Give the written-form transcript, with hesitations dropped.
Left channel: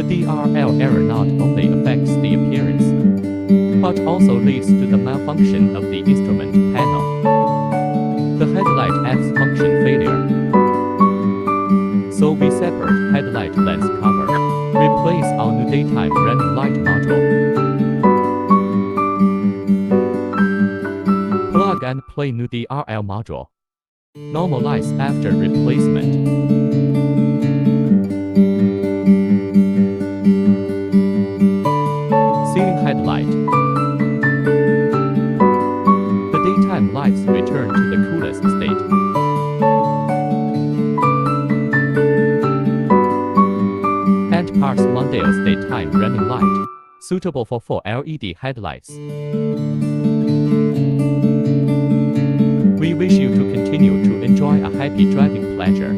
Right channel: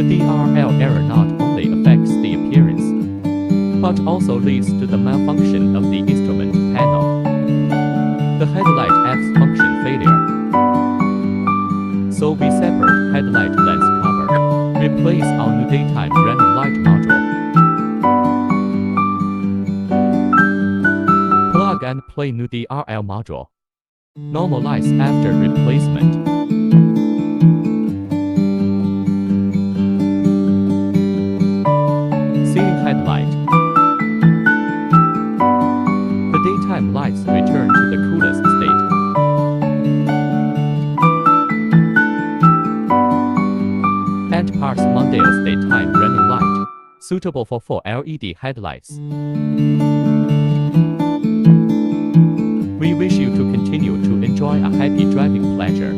The DRL error not only affects the appearance, but also leads to the malfunction of the instrument panel. The headlight F's function failure. So we separate headlight lens cover. Replace our new daytime running light module. Plug and play new DRL module. Normalize after replacement. Ceiling headlight. The daytime lights return to the coolest state. And parts Mondeo's daytime running light, suitable for 4 LED headlights. We wish you to continue to enjoy a happy driving pleasure.